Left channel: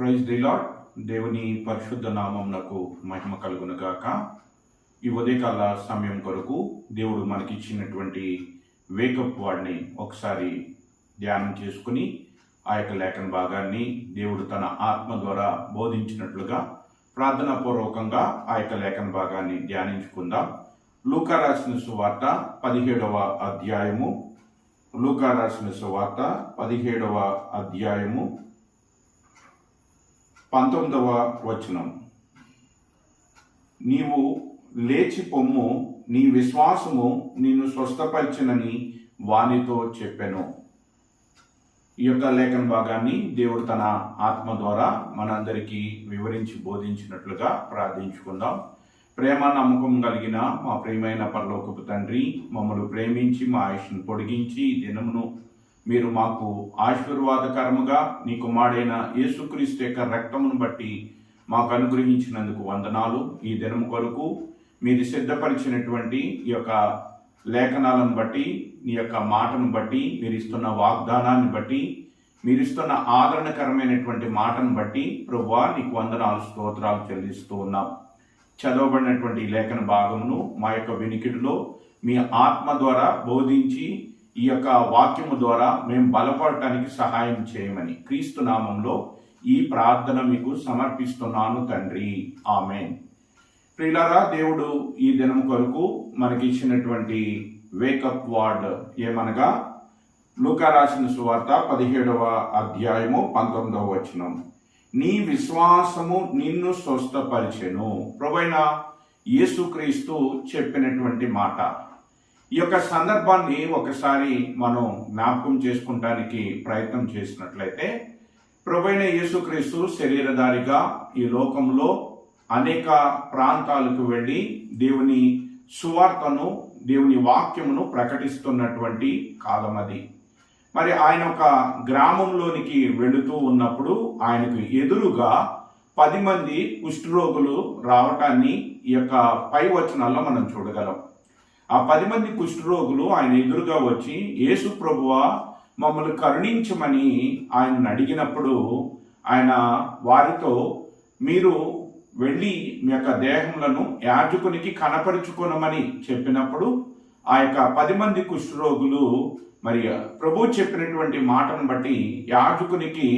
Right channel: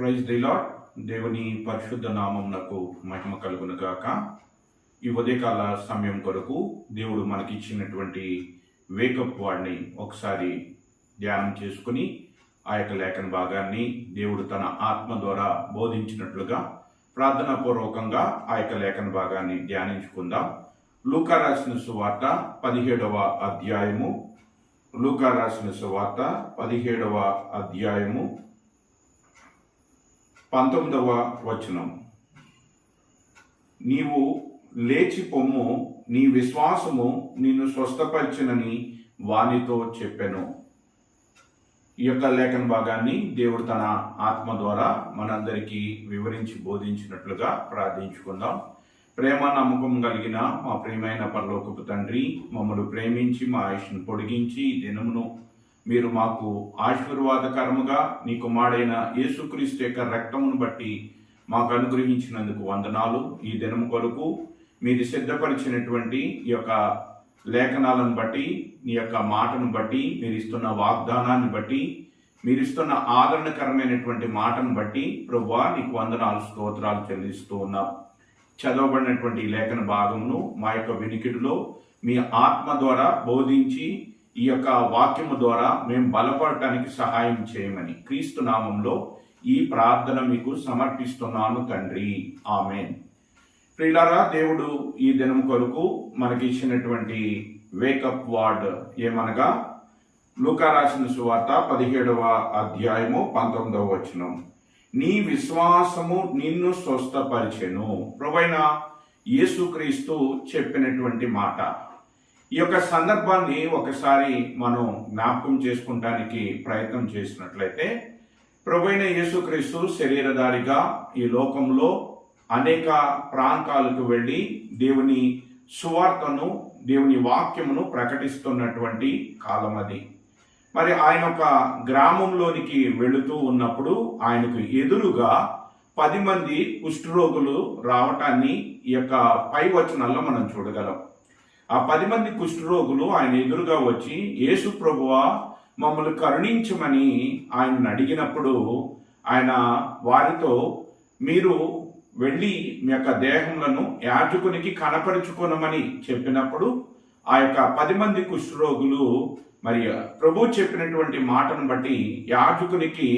Praise the lord. దేవుని పరిశుద్ధ నామమునకు మహిమ కలుగును గాక. ఈ ఉదయకాల సమయం కొరకు దేవుడు మనకిచ్చినటువంటి వేకప్ వాడిని ఒకసారి ధ్యానం చేసుకుని ఆ యొక్క లేఖన భాగాన్ని దేవుడు తన ఆత్మ ద్వారా బోధించినట్లుగా ప్రార్థనాపూర్వకంగా ఆ యొక్క లేఖన భాగాన్ని ధ్యానించుకుందాం. లూకా రాసిన సువార్త 17వ అధ్యాయము. లూకా రాసిన సువార్త 17వ అధ్యాయము 19వ వచనం. నీవు లేచి పొమ్ము, నీ విశ్వాసము నిన్ను స్వస్థపరిచినని వానితో చెప్పెను. ఈ యొక్క లేఖన భాగాన్ని దేవుడు తన ఆత్మ ద్వారా మనందరికీ వివరించి బోధించినట్లుగా ప్రార్థించుకుందాం. ప్రేమ నమ్మకం కలిగిన మా ప్రియమైన పరలోకపు తండ్రి, మమ్మల్ని ప్రేమించి మా ఆయుష్ను పొడిగించి ఈ దినమును మీరు మాకు ఆశీర్వాదకరముగా నీ కుమారుడైన యేసుక్రీస్తు యొక్క రక్తమును బట్టి మాకు అనుగ్రహించినందుకు వందనాలు. ఈ దినము కొరకు మీరు సిద్ధపరిచినటువంటి ఈ యొక్క లేఖనాలను బట్టి, నీ యొక్క మాటను బట్టి, మీరు ఇస్తున్న వాగ్దానాన్ని బట్టి, మీరు ఇస్తున్న ఆదరణకరమైనటువంటి మాటను బట్టి ప్రభువా నీకు వందనాలు, స్తోత్రాలు చెల్లిస్తూ ఉన్నాం. చదవబడినటువంటి లేఖన భాగమును మా యొక్క వినికిడిలో మీ ఆత్మ ద్వారా బోధించి ఈ యొక్క వాక్యము ద్వారా మేము బలపడటానికి సహాయం చేయమని క్రీస్తు నామంలో ఈ ప్రార్థన మీకు సమర్పిస్తున్నాను తండ్రి, ఆమెన్. ప్రియులారా, దేవుడు ఈ దినం కొరకు మనకి ఇచ్చినటువంటి వేకప్ వర్డ్ ఏమనగా లూకా రాసిన సువార్త 17వ అధ్యాయము 19వ వచనం. నీ విశ్వాసము నిన్ను స్వస్థపరిచెను. ప్రభువైన యేసుక్రీస్తు చెప్పినటువంటి మాట. ఈ యొక్క సందర్భాన్ని ఒకసారి మనం జ్ఞాపకం చేసుకుంటానికి ప్రయత్నం చేసినట్లయితే, ప్రభువైన యేసుక్రీస్తు శరీరధారిగా ఈ లోకంలో అనేక ప్రాంతాలకు వెళ్ళి దేవుని సువార్తను, దేవుని వాక్యమును ప్రకటిస్తున్నటువంటి కాలం అది. మరి ఆయన ఒక గ్రామంలోనికి వెళుతూ ఉన్నప్పుడు ఆయనకు ఎదురుగా 10 మంది కుష్ఠరోగులు రావటాన్ని ఈ యొక్క పై వచనాల్లో మనం చూడగలం. ఆ 10 మంది కుష్ఠరోగులు ఆయన ఎదురుగా వచ్చి, యేసు ప్రభువా మమ్మల్ని కరుణించమని ఆయనను అడిగినప్పుడు ఆయన వారితో, మీరు వెళ్ళి మీ యొక్క దేహములను యాజకునికి కనపరుచుకొనమని చెప్పినప్పుడు ఆ యొక్క 10 మంది కుష్ఠరోగులు మరి ప్రభు చెప్పినటువంటి మాటను బట్టి యాజకునికి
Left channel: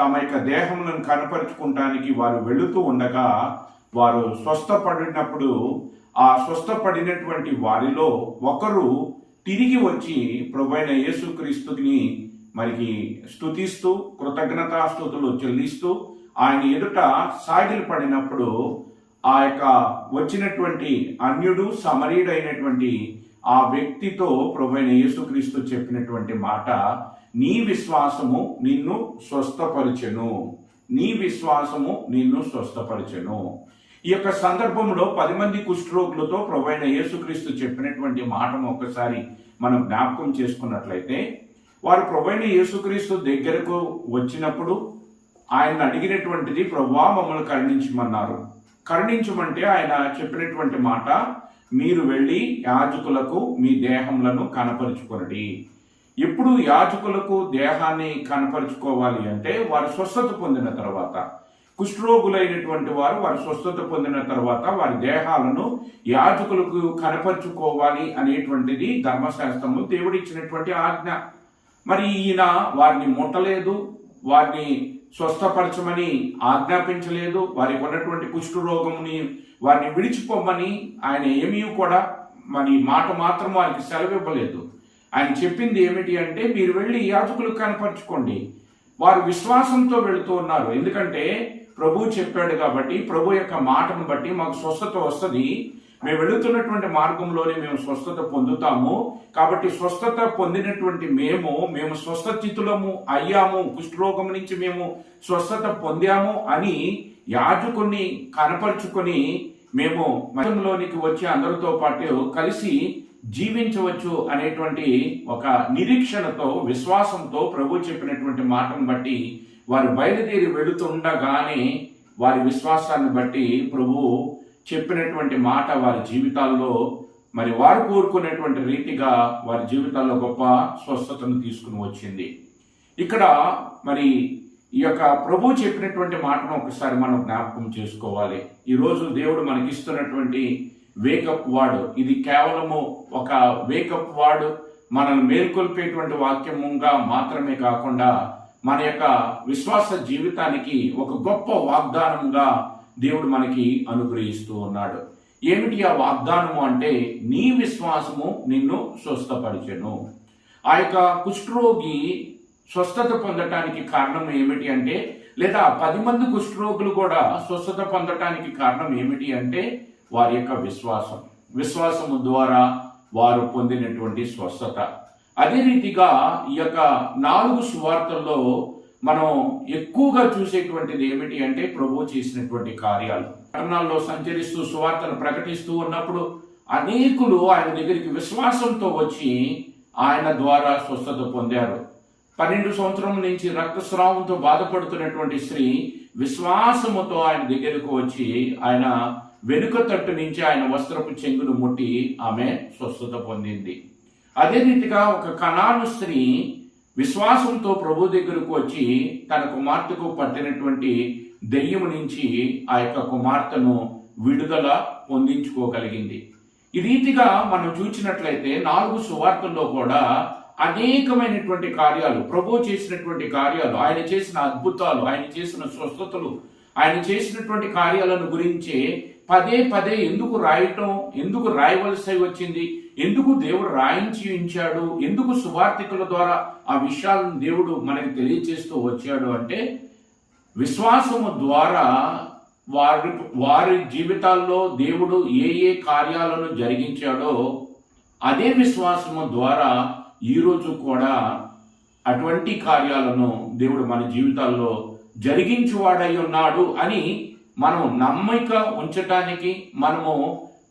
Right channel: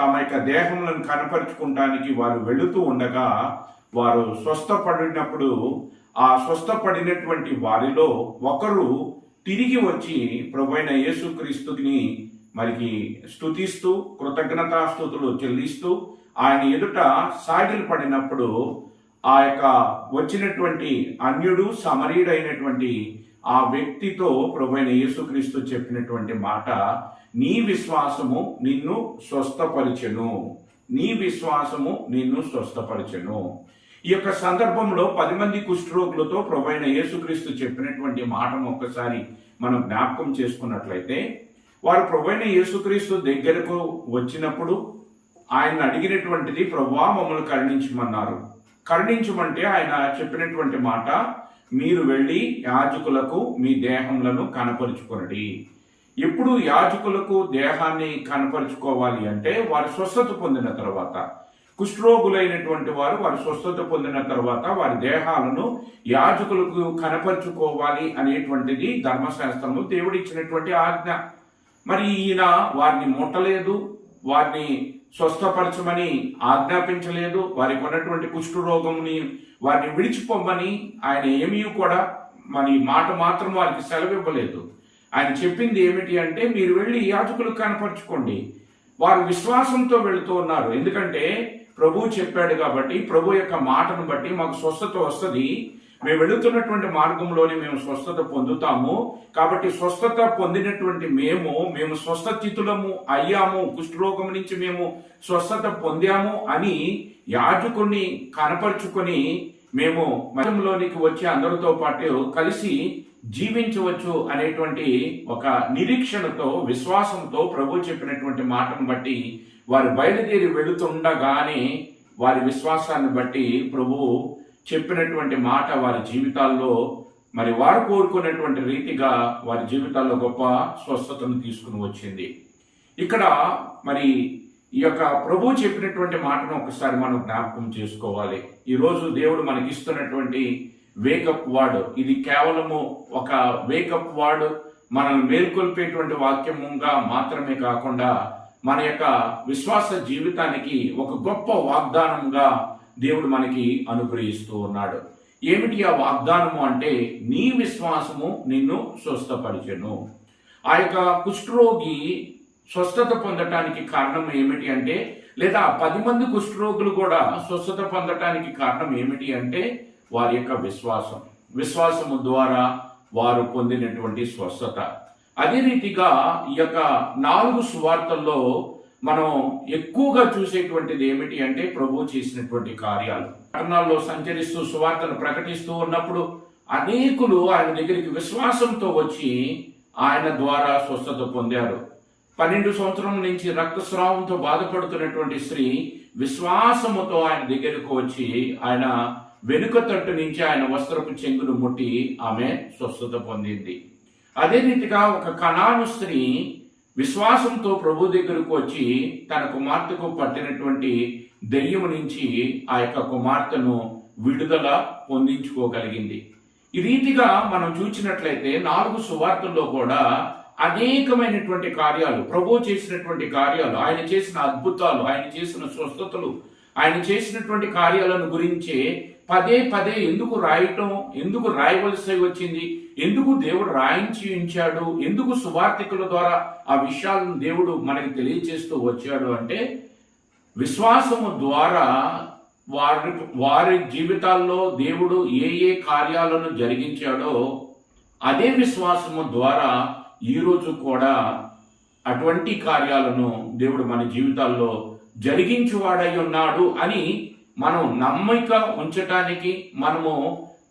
తమ యొక్క దేహములను కనపరుచుకోవడానికి వారు వెళుతూ ఉండగా వారు స్వస్థపడినప్పుడు ఆ స్వస్థపడినటువంటి వారిలో ఒకరు తిరిగి వచ్చి ప్రభువైన యేసుక్రీస్తుని మరికి స్తుతిస్తూ కృతజ్ఞతాస్తుతులు చెల్లిస్తూ ఆయన ఎదుట సాగిలు పడినప్పుడు ఆ యొక్క వచ్చినటువంటి అన్యుడు సమరీయుడైనటువంటి ఆ వ్యక్తితో ప్రభువైన యేసుక్రీస్తు చెప్పినటువంటి మాట, నీ విశ్వాసము నిన్ను స్వస్థపరిచెను. నీ విశ్వాసము నిన్ను స్వస్థపరిచెను. ఈ యొక్క సందర్భంలో 10 మంది కుష్ఠరోగులతో ప్రభువైన యేసుక్రీస్తు చెప్పినటువంటి మాటను ఒక్కసారి మనం జ్ఞాపకం చేసుకున్నట్లయితే, వారు ప్రభువైన యేసుక్రీస్తు దగ్గరకు వచ్చినప్పుడు ఆయన అడిగినటువంటిది, ప్రభువా మమ్మల్ని కరుణించమన్నారు. కరుణించమంటే ఆయన చెప్పినటువంటి మాట, మీరు వెళ్ళి యాజకులకు మీ దేహములను కనపరుచుకొనడి. ఎప్పుడు యాజకులకు దేహాన్ని కనపరుచుకోవాలి అంటే వారు స్వస్థత పొందిన తర్వాత, కుష్ఠరోగులైనటువంటి వారు స్వస్థత పొందిన తర్వాత వారి దేహాలను యాజకులకు కనపరుచుకోవాలి అనేటువంటిది ధర్మశాస్త్రంలో దేవుడిచ్చినటువంటి ఆజ్ఞ. మరి ఈయన వారిని ముట్టలేదు, వారిని స్వస్థపరచమని ఆజ్ఞాపించలేదు, వారికి ఉన్నటువంటి కుష్ఠరోగంని వారిని విడిచిపోమని ఆయన ఏమీ కూడా మరి మాట మాత్రం వారికి సెలవివ్వలేదు. ఆయన చెప్పింది ఏమిటి అంటే, మీరు వెళ్ళి యాజకులకు కనపరుచుకోండి. వారు విశ్వాసంతో వెళుతూ ఉన్నారు. ఎందుకంటే ప్రభు చెప్పాడు కాబట్టి, ప్రభు యొక్క మాటను బట్టి మాకు స్వస్థత వస్తుంది, మేము వెళుతున్నటువంటి మార్గంలోనే మేము స్వస్థత పొందుతాము. కాబట్టి స్వస్థత పొందినటువంటి మేము స్వస్థచితులము అయ్యాము, కుష్ఠరోగం నుంచి మేము స్వస్థత పొందాము అని యాజకుని కనపరుచుకొని మేము మతంలోనికి వచ్చి అందరితో పాటు కలిసి జీవించవచ్చు అనేటువంటి ఒక నిరీక్షణతో, విశ్వాసంతో ప్రభు చెప్పినటువంటి మాటను బట్టి వారు బయలుదేరి వెళుతుండగానే వారి విశ్వాసాన్ని బట్టి ప్రభు చెప్పినటువంటి మాట వారి జీవితాల్లో మరి వారు కోరుకున్నటువంటి రీతిగా వారి జీవితాల్లో గొప్ప స్వస్థతను తీసుకుని వచ్చింది. ఇక్కడ మరి ఈ యొక్క ప్రభు చెప్పినటువంటి మాటను ఒకసారి మనం జ్ఞాపకం చేసుకోవాలి. ఈరోజు దేవుడు మనకిస్తున్నటువంటి వేకప్ వర్డ్, ఇది కేవలము ఒక వేకప్ వర్డ్, మనల్ని మేల్కొల్పేటువంటి వాక్యముగా మాత్రమే కాకుండా మన యొక్క విశ్వాస జీవితానికి ఒక గొప్ప వాగ్దానంగా దేవుడు మనకి అనుగ్రహిస్తూ ఉన్నాడు. ఏమిటి ఆ వాగ్దానము అంటే, నీ విశ్వాసము నిన్ను స్వస్థపరిచెను. ఆ యొక్క కుష్ఠరోగి స్వస్థత పొందటానికి కారణం ఏమిటి అంటే, లేదా 10 మంది కుష్ఠరోగులు కూడా స్వస్థత పొందటానికి కారణం ఏమిటి అంటే, వారి యొక్క విశ్వాసము ద్వారా వారు పొందినటువంటి స్వస్థత. అదే రీతిగా ఈ యొక్క 4 సువార్తల్లో మనం ఎక్కువగా చూసేటువంటిది ఏమిటి అంటే, ప్రభు చేసినటువంటి కార్యాలు. పట్టణాల్లో సంచరిస్తూ సువార్తను ప్రకటిస్తూ ఉన్నప్పుడు అనేకులు ఆయన దగ్గరికి విశ్వాసంతో వచ్చి ఆయన ద్వారా స్వస్థత పొందారు. 12 సంవత్సరం నుంచి రక్తస్రావంతో బాధపడుతున్నటువంటి స్త్రీ విశ్వాసముతో ఆయన దగ్గరకు వచ్చి ఆయన వెనుక తట్టు నుంచి ఆయన వస్త్రపు చెంగును ముట్టి ఆమె స్వస్థత పొందింది. అదే రీతిగా ఒక కనాను స్త్రీ విశ్వాసంతో ప్రభు దగ్గరకు వచ్చి తన కుమార్తెకు పట్టినటువంటి దెయ్యము నుంచి ఆ యొక్క కుమార్తెను విడుదల పొందించుకోగలిగింది. ఈ రీతిగా మనం చూసినట్లయితే 4 సువార్తల్లో కూడా అనేకమైనటువంటి కార్యాలు, ప్రభు చేసినటువంటి కార్యాలు, ఆయన చేసిన అద్భుతాలు, ఆయన చేసిన స్వస్థతలు, ఆయన చేసినటువంటి కార్యాలను గురించి పదే పదే ఎందుకు రాయవలసి వచ్చింది, ఎందుకు దేవుడు రాయించి ఉంచాడు, ఎందుకు సువార్తికుల ద్వారా ఆ విషయాలను దేవుడు మనకి తెలియచేస్తూ వచ్చాడు అంటే, విశ్వాసము ద్వారా వారి జీవితాల్లో దేవుడు ఏ కార్యాలను జరిగించాడో అదే విశ్వాసము ద్వారా ఈరోజు కూడా అటువంటి కార్యాలను దేవుడు మన జీవితాల్లో జరిగించువాడై ఉన్నాడు అని మనం నమ్మిక ఉంచటానికి, మనము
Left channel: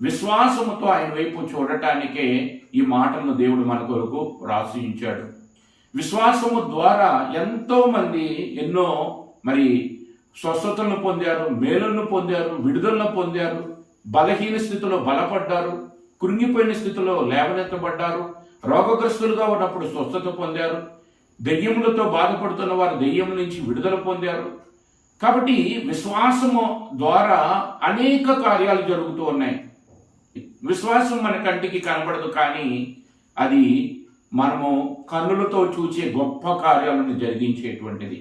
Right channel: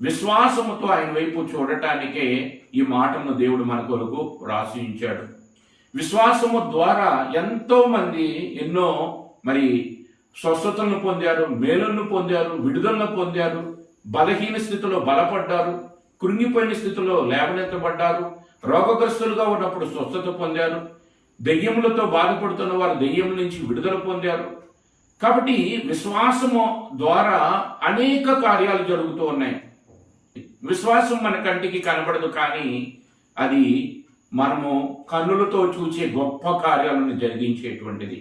విశ్వాసముతో ఆయన వైపు చూడటానికే ఈ మాటలను దేవుడు మన కొరకు రాసి ఉంచాడు. విశ్వాసము ద్వారా ఎంతో మంది ఎన్నో స్వస్థతలను పొందారు, మేలులను పొందారు, విడుదలను పొందారు, బలహీన స్థితిలో బలపడ్డారు, కృంగిపోయిన స్థితిలో లేవనెత్తబడ్డారు, రోగగ్రస్తులుగా ఉన్నప్పుడు స్వస్థత పొందారు, దెయ్యములతో బాధపడుతున్న వారు దెయ్యముల నుంచి విడుదల పొందారు. కాబట్టి విశ్వాసము ద్వారా అనేక కార్యాలు జరుగుతూ ఉన్నాయి. విశ్వాసం మన కంటికి కనబడదు, కానీ అది మనము కన్నులతో చూసే గొప్ప కార్యాలను జరిగించేటువంటిది.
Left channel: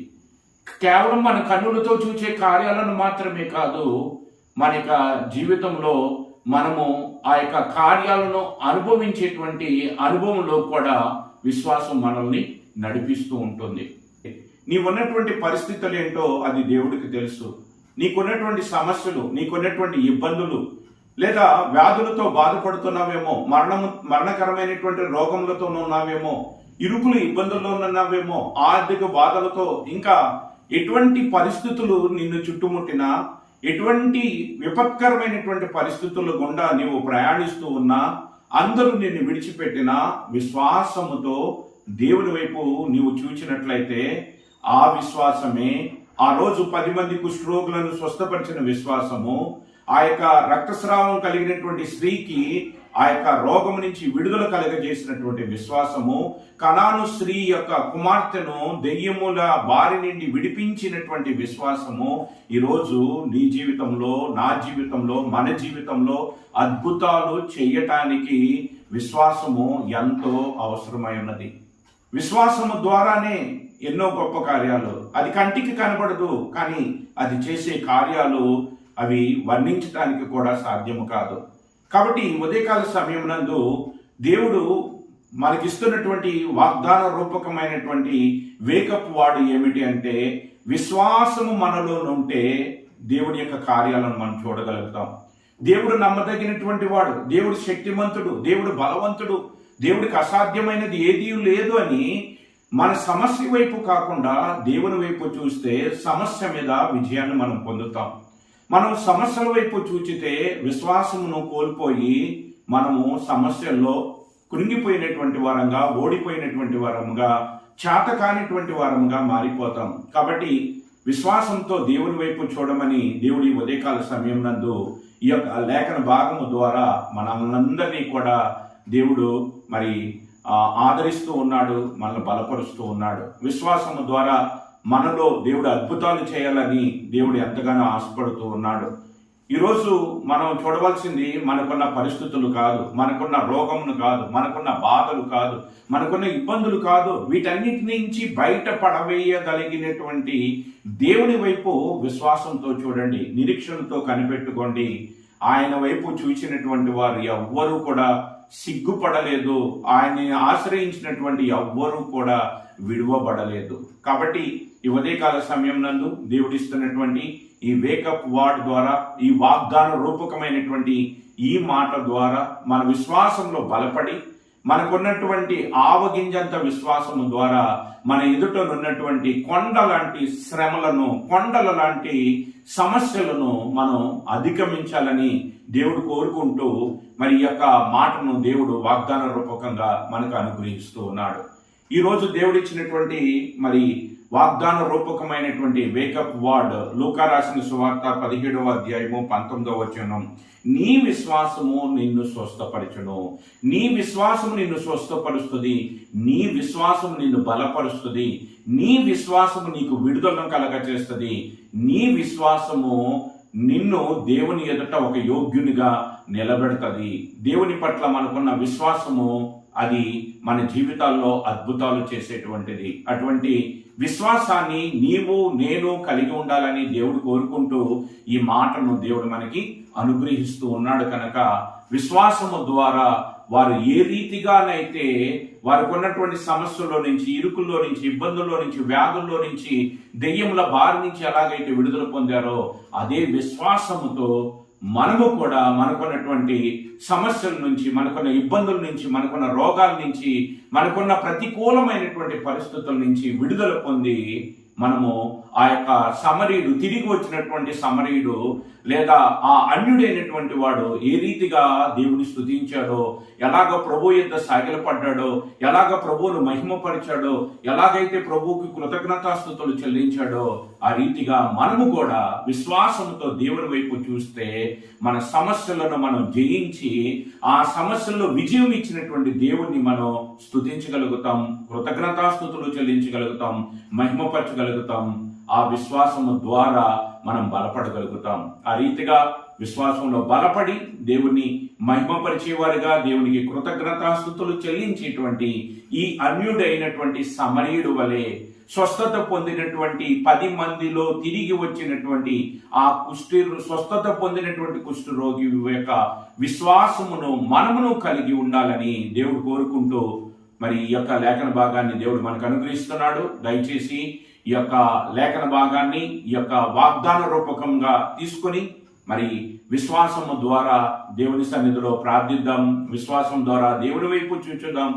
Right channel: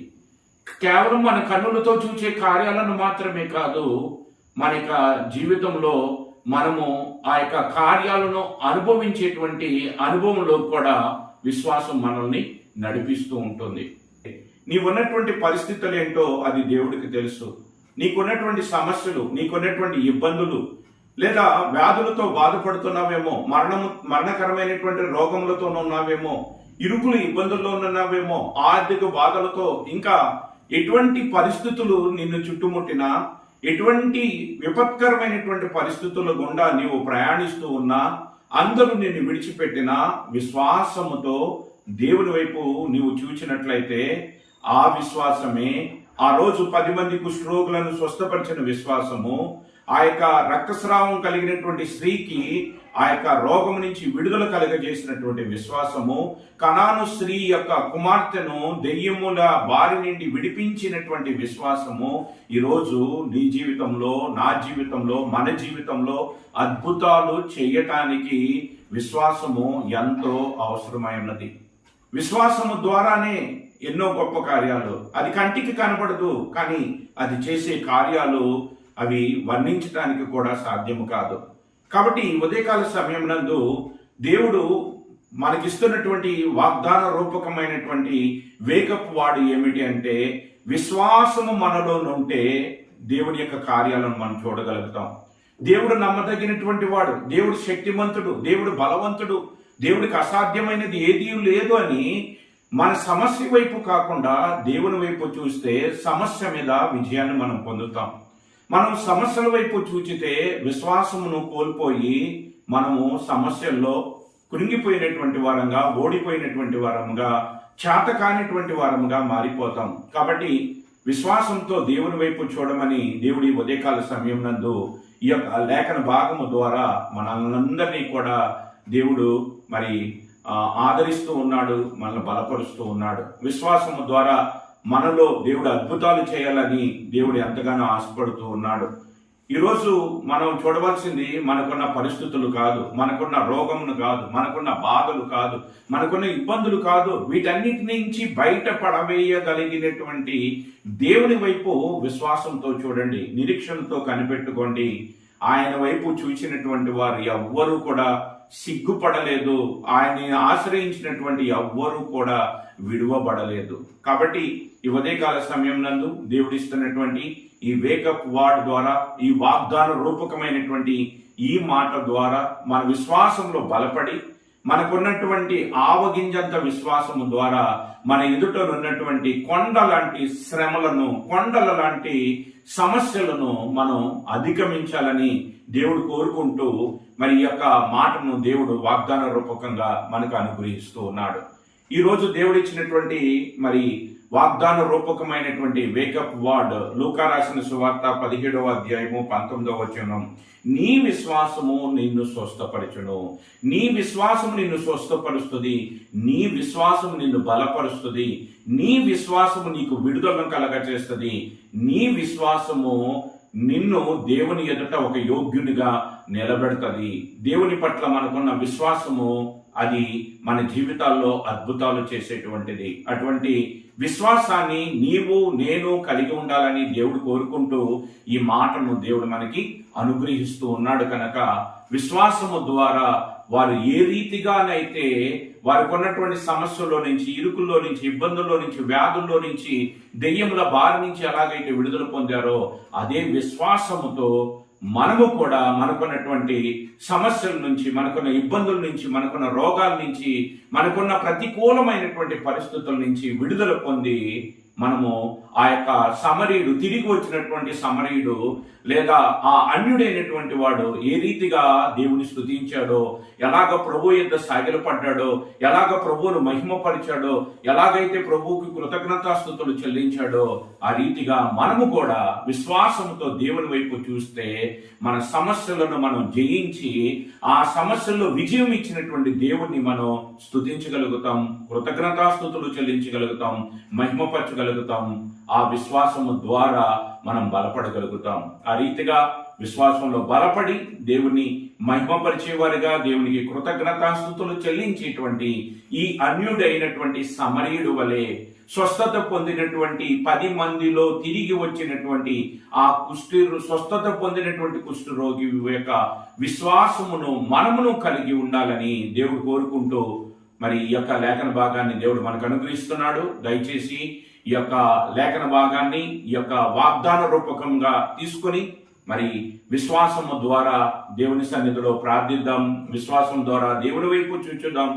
కేవలం మన కన్నులతో చూసే కార్యాలను మాత్రమే కాదు, మన యొక్క జీవితంలో మనము ఆ యొక్క కార్యాలను అనుభవించేటువంటి అనుభవంలో కూడా విశ్వాసం మనల్ని నడిపిస్తూ ఉంటుంది. నీవున్నటువంటి పరిస్థితులు ఏంటో అది దేవుడికి తెలుసు. నీకున్నటువంటి సమస్యలు, నీకున్నటువంటి ఇబ్బందులు, లేదా వ్యాధులతో బాధపడుతున్నావేమో, మరణకరమైనటువంటి రోగములతో ఉన్నావేమో, ఇరుకులు ఇబ్బందుల్లో ఉన్నావేమో, ఆర్థిక బాధలతో, ఇంకా ఎటువంటి పరిస్థితులు నిన్ను చుట్టుముట్టినా, ఎటువంటి విపత్కరమైనటువంటి పరిస్థితుల గుండా నీవు ప్రయాణిస్తూ ఉన్నా, అందరూ నిన్ను విడిచిపెట్టినా విశ్వాసముతో దేవుని వైపు నీవు చూచినట్లయితే ఆ విశ్వాసమే ఆ రోజు 10 మంది కుష్ఠరోగులను స్వస్థపరిచిన విశ్వాసము, ఆ యొక్క రక్తస్రావం కలిగినటువంటి స్త్రీకి ఆ యొక్క రోగం నుంచి విడుదల కలగజేసినటువంటి విశ్వాసము, కనాను స్త్రీ యొక్క కుమార్తెను దెయ్యముల బారి నుండి విడిపించినటువంటి విశ్వాసము ఈరోజు నీ జీవితంలో, నా జీవితంలో, మన జీవితంలో అద్భుతాలు చేయటానికి విశ్వాసము ఎంతో అవసరమై ఉన్నది. విశ్వాసము ద్వారానే ఎన్నో గొప్ప కార్యాలు, అది కంటికి కనబడదు, కానీ అది చేసే కార్యాలు అవి వర్ణించడానికి కూడా సాధ్యము కాదు. కాబట్టి ఉదయకాల సమయం నందు దేవుడు మనకిస్తున్నటువంటి వాగ్దాన రూపకమైనటువంటి వేకప్ వాడు ఏమిటి అంటే, విశ్వాసము మనలో ఉంటే దేవుని యొక్క కార్యాలను మనం చూడగలుగుతాం. దేవుడు నమ్మదగినటువంటి వాడు, దేవుడు శక్తిమంతుడు, దేవుడు బలవంతుడు, దేవుడికి అసాధ్యమైనది ఏదీ లేదు అని మన సమస్య వైపు కాకుండా దేవుని వైపు చూస్తే సమస్య మీద విజయాన్ని మనం పొందుతాం. మనం సమస్యల వైపు చూచితే విశ్వాసమును కోల్పోయి మనము సమస్యల్లో కృంగిపోయినటువంటి వారంగా, ఓడిపోయినటువంటి వారంగా, చేతకానిటువంటి వారంగా మారిపోతాం. కాబట్టి విశ్వాసంతో దేవుని వైపు చూడమని దేవుడి ఉదయకాల సమయం నందు ఈ యొక్క లేఖన భాగము ద్వారా మనందరినీ కూడా దేవుడు ఆదరిస్తూ ఉన్నాడు, మనల్ని బలపరుస్తూ ఉన్నాడు. విశ్వాసము ద్వారా మనలో దేవుడు అద్భుతాలు చేయాలని దేవుడు ఎంతగానో ఆశపడుతూ ఉన్నాడు. ఈరోజు మనం చూడవలసింది మనకున్న పరిస్థితులు కాదు, మనకున్న రోగమును కాదు, మనకున్న బాధలు కాదు, మనకున్న ఇబ్బందులు కాదు. వీటన్నిటి నుంచి బయట పడవేయగలిగినటువంటి దేవుని వైపు విశ్వాసంతో చూడండి, నిరీక్షణతో కనిపెట్టుకోండి. ఆయన వైపు చూసినటువంటి వారు ఎవ్వరూ కూడా సిగ్గుపడలేదు. ఆయన్ని ఆశ్రయించినటువంటి ఎవ్వరూ కూడా విడువబడలేదు. కాబట్టి ఈ ఉదయకాల సమయం నందు దేవుడిస్తున్నటువంటి ఈ వేకప్ వర్డ్ ద్వారా, ఈ వాగ్దాన రూపకమైనటువంటి ఈ మాట ద్వారా మన విశ్వాసంలో బలపడి, మనకున్నటువంటి ఆవగింజంత విశ్వాసము ద్వారా మన ఎదుటనున్నటువంటి కొండ లాంటి శ్రమలను, కొండల లాంటి సమస్యలను మనం అధిగమించాలని దేవుడు కోరుకుంటూ మరి ఈ యొక్క మాటను దేవుడు వాగ్దాన రూపకంగా మనకు అనుగ్రహిస్తూ ఉన్నాడు. ఈరోజు దేవుడు ఇచ్చినటువంటి మరి వాగ్దాన రూపకమైనటువంటి వేకప్ వర్డ్ లూకా రాసిన సువార్త 17వ అధ్యాయము 19వ వచనం. నీ విశ్వాసము నిన్ను స్వస్థపరచును. నీ విశ్వాసము నిన్ను స్వస్థపరుస్తుంది. నీ విశ్వాసము నిన్ను బలపరుస్తుంది. నీ విశ్వాసము నీకు విడుదలను కలగచేస్తుంది. నీ విశ్వాసము నిన్ను దేవుని ఎదుట ఒక యోగ్యునిగా నిలబెడుతుంది. దేవుని పట్ల మనకున్న విశ్వాసము అది మన జీవితాల్లో అద్భుతాలు చేసేటువంటిది. అటువంటి విశ్వాసాన్ని నీవు నేను కలిగి ఉండాలని దేవుడు కోరుకుంటూ ఈ మాటను దేవుడు మనకి అనుగ్రహిస్తూ ఉన్నాడు. కనుక విశ్వాసము ద్వారా వారు ఏ రీతిగానైతే వారికి ఉన్నటువంటి సమస్యల్లో నుంచి, ఇరుకుల్లో నుంచి, ఇబ్బందుల్లో నుంచి, వ్యాధుల్లో నుంచి, దెయ్యముల బారి నుంచి ఎలాగైతే విడుదల పొందారో అదే విశ్వాసముతో మనము కూడా మనకున్నటువంటి సమస్యల నుంచి, మనకున్న ఇబ్బందుల నుంచి, మనకున్న రోగాల నుంచి, మనకున్న ప్రతికూలమైనటువంటి పరిస్థితుల నుంచి విడుదల పొంది మనము ఆ యొక్క సమరీయుడు, తిరిగి వచ్చినటువంటి సమరీయుడు లేదా ఆ అన్యుడైనటువంటి వాడు ఏ రీతిగా దేవుని స్తుతించాడో, ఎలాగ ప్రభు యొద్ద సాగిలపడ్డాడో, ఎలాగ ప్రభువును మహిమపరిచాడో, ఎలాగైతే ప్రభువుకి కృతజ్ఞతాస్తుతులు చెల్లించాడో ఆ రీతిగా మనము కూడా విశ్వాసంతో దేవుని వైపు చూస్తే మన సమస్యలను మనం జయించి ఆ సమస్యల్లో విజయం ఇచ్చినటువంటి దేవుణ్ణి మనం స్తుతించగలుగుతాం, కృతజ్ఞతాస్తుతులు చెల్లించగలుగుతాం, మహిమపరచగలుగుతాం. ఆ విశ్వాసము ద్వారా మనం బలపడగలుగుతాం. ఆ రీతిగా విశ్వాసంలో బలపడి దేవుని మహిమపరిచేవారిగా, దేవునికి కృతజ్ఞతాస్తుతులు చెల్లించేటువంటి ఈ అన్యుడైనటువంటి సమరీయుడు వలె స్వస్థత పొందినటువంటి 10 మందిలో తిరిగి వచ్చినటువంటి ఆ స్వస్థత పొందినటువంటి కుష్ఠరోగి యొక్క విశ్వాసమును మనమును కలిగి ఉండాలని దేవుడు కోరుకుంటూ మరి ఈ యొక్క లేఖన భాగాన్ని దేవుడు మనకు అనుగ్రహిస్తున్నాడు. దయచేసి ఈ యొక్క లేఖన భాగాన్ని ఈ యొక్క వాగ్దాన రూపకంగా తీసుకొని మరి విశ్వాసము ద్వారా దేవుని సన్నిధిలో ప్రార్థిద్దాం. విశ్వాసం ద్వారా దేవుని వైపు చూచుదాం.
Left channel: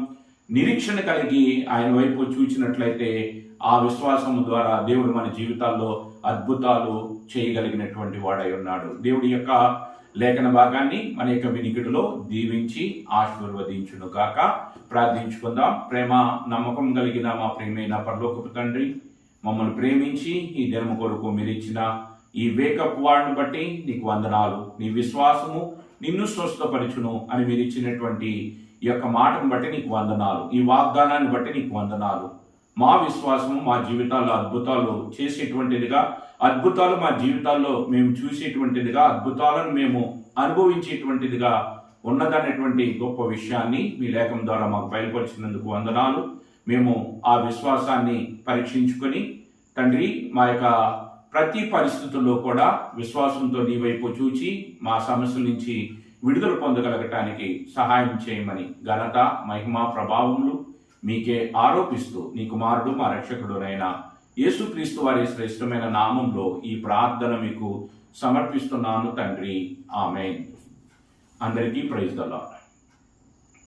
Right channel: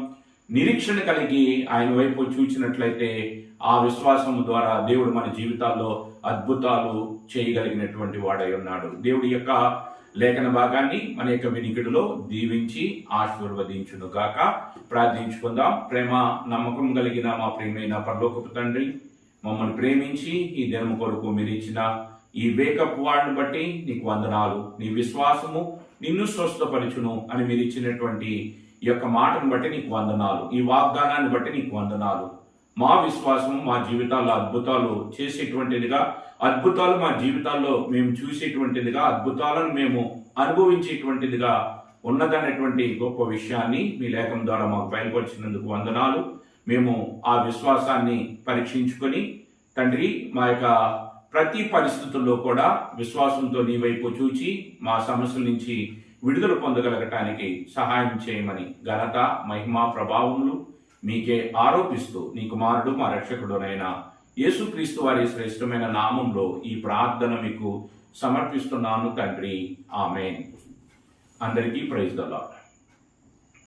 నిరీక్షణ కలిగి ఆయన వైపు చూచినట్లయితే ఆ విశ్వాసం ద్వారా దేవుడు మన జీవితాల్లో అద్భుతాలు చేయగలిగినటువంటి వాడై ఉన్నాడు. దేవుడి యొక్క లేఖన భాగాన్ని మన యొక్క వినికిడిలో దీవించి ఆశీర్వదించును గాక. ప్రార్థించుకుందాం. ప్రేమ నమ్మకం కలిగిన మా ప్రియమైన పరలోకపు తండ్రి, మమ్మల్ని ప్రేమించి ఈ దినము కొరకు మీరు ఇచ్చిన ఈ వేకప్ వర్డ్ని బట్టి నీకు వందనాలు. నీ విశ్వాసము నిన్ను స్వస్థపరచును అని మీరు ఇచ్చినటువంటి ఈ యొక్క మాటను బట్టి నీకు వందనాలు. ఈ వాగ్దానాన్ని బట్టి నీకు వందనాలు. మా విశ్వాసము మా జీవితాల్లో అద్భుతాలు చేసేటువంటిదిగా, అద్భుతాలు మా జీవితాల్లో మేము చూసేటువంటిదిగా, అద్భుతాలను మేము అనుభవించేటువంటిదిగా ఉన్నదనేటువంటి గొప్ప విషయాన్ని మీ లేఖం ద్వారా మాకు బయలుపరిచినందుకు వందనాలు. మేము ఆ విశ్వాసాన్ని పరీక్షించుకొని తండ్రి మా యొక్క ప్రతి పరిస్థితుల్లో కూడా విశ్వాసంతో నీ వైపు చూచి మా సమస్యల నుంచి విడుదల పొందగలగటానికి సహాయం చేయమని ఘనత, మహిమ, ప్రభావములు మీకే ఆరోపిస్తూ నీ కుమారుడు మా రక్షకుడునైన యేసుక్రీస్తు వారి శ్రేష్టమైన నామంలో ఈ ప్రార్థన మీకు సమర్పిస్తున్నాను తండ్రి. ఆమేన్. అందరికీ ప్రైజ్ ద లార్డ్.